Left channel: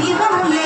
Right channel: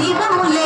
జీవములే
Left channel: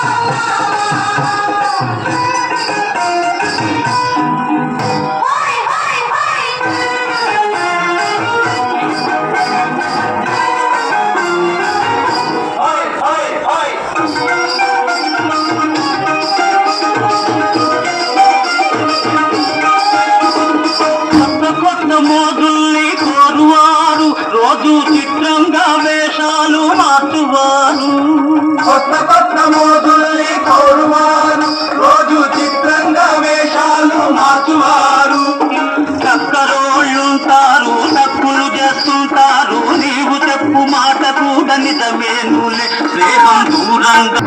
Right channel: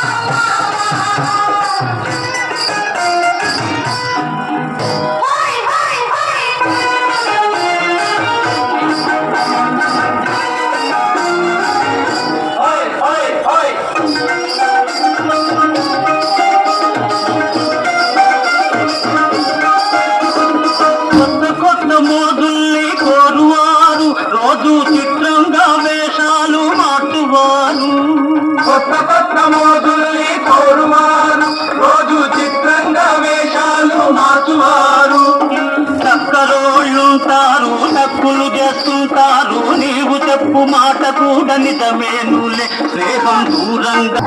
కొత్త కొత్త కొత్త మోజుల్ని కోరువారు రోజు చిత్రంగా వేషాలు మార్చువారు చక్కరోళ్ళుంటారు తక్కులు చేస్తుంటారు నీవు చెప్పు మాట కూడా నిజమేనులే ప్రేమం దూరంగా